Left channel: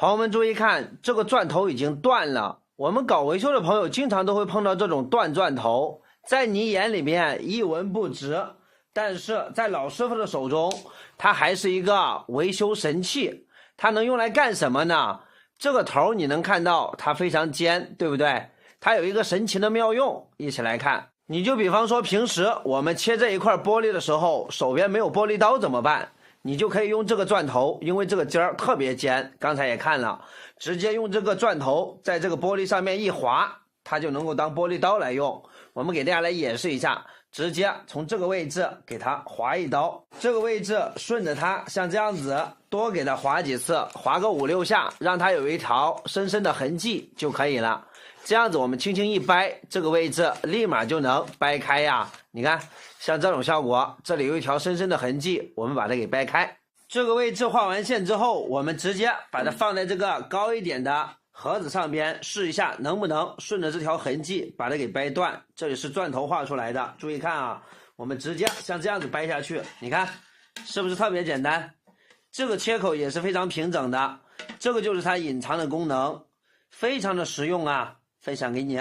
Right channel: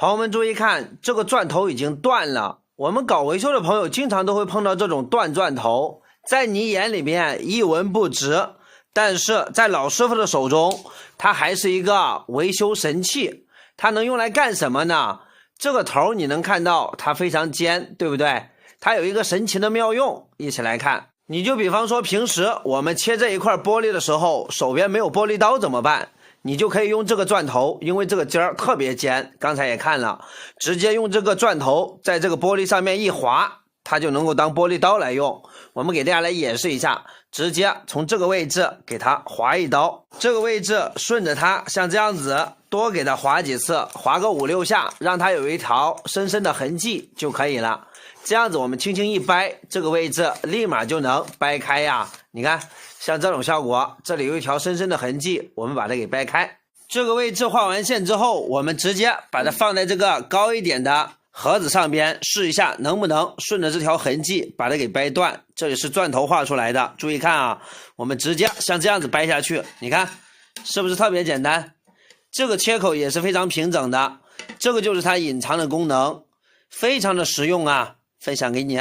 朋友们注意看，这个钻头已经断了。我们搞维修的朋友经常都会碰到这种断钻头，在你眼里面一文不值，但是在老师傅的手中，它还是一个维修神器。它能用来干什么呢？这个头你能看到它非常尖，对不对？它有一个神奇的妙用，一起来看。你就比方说平时我们切这一块玻璃的时候，手边没有玻璃刀怎么办？你就可以用这个钻头，因为这个尖儿特别尖，刚才也看了，直接用这个钻头在这个玻璃上面一划，它就能够当玻璃刀来用。我们给大家来演示一下，直接从这个位置给它划一刀，这个位置顺着它像这样子多给它划几次，划个5、6下，让它有一条深深的痕迹就可以了。这样子我们轻轻一掰，这个位置立马就能掰开呀。你看像这种效果，这里有一条深深的痕迹，我们把它给掰开。这个位置画完线之后，我们直接把它放在这个高一点的盒子上边，试一下能不能顺着这条痕迹把它给掰断。这里是钻头画出来的，注意看啊，我们直接像这样子掰下去，你看是不是特别简单？这个切口也是非常平整的，这个就是它隐藏的功能，非常的实用啊，分享给你。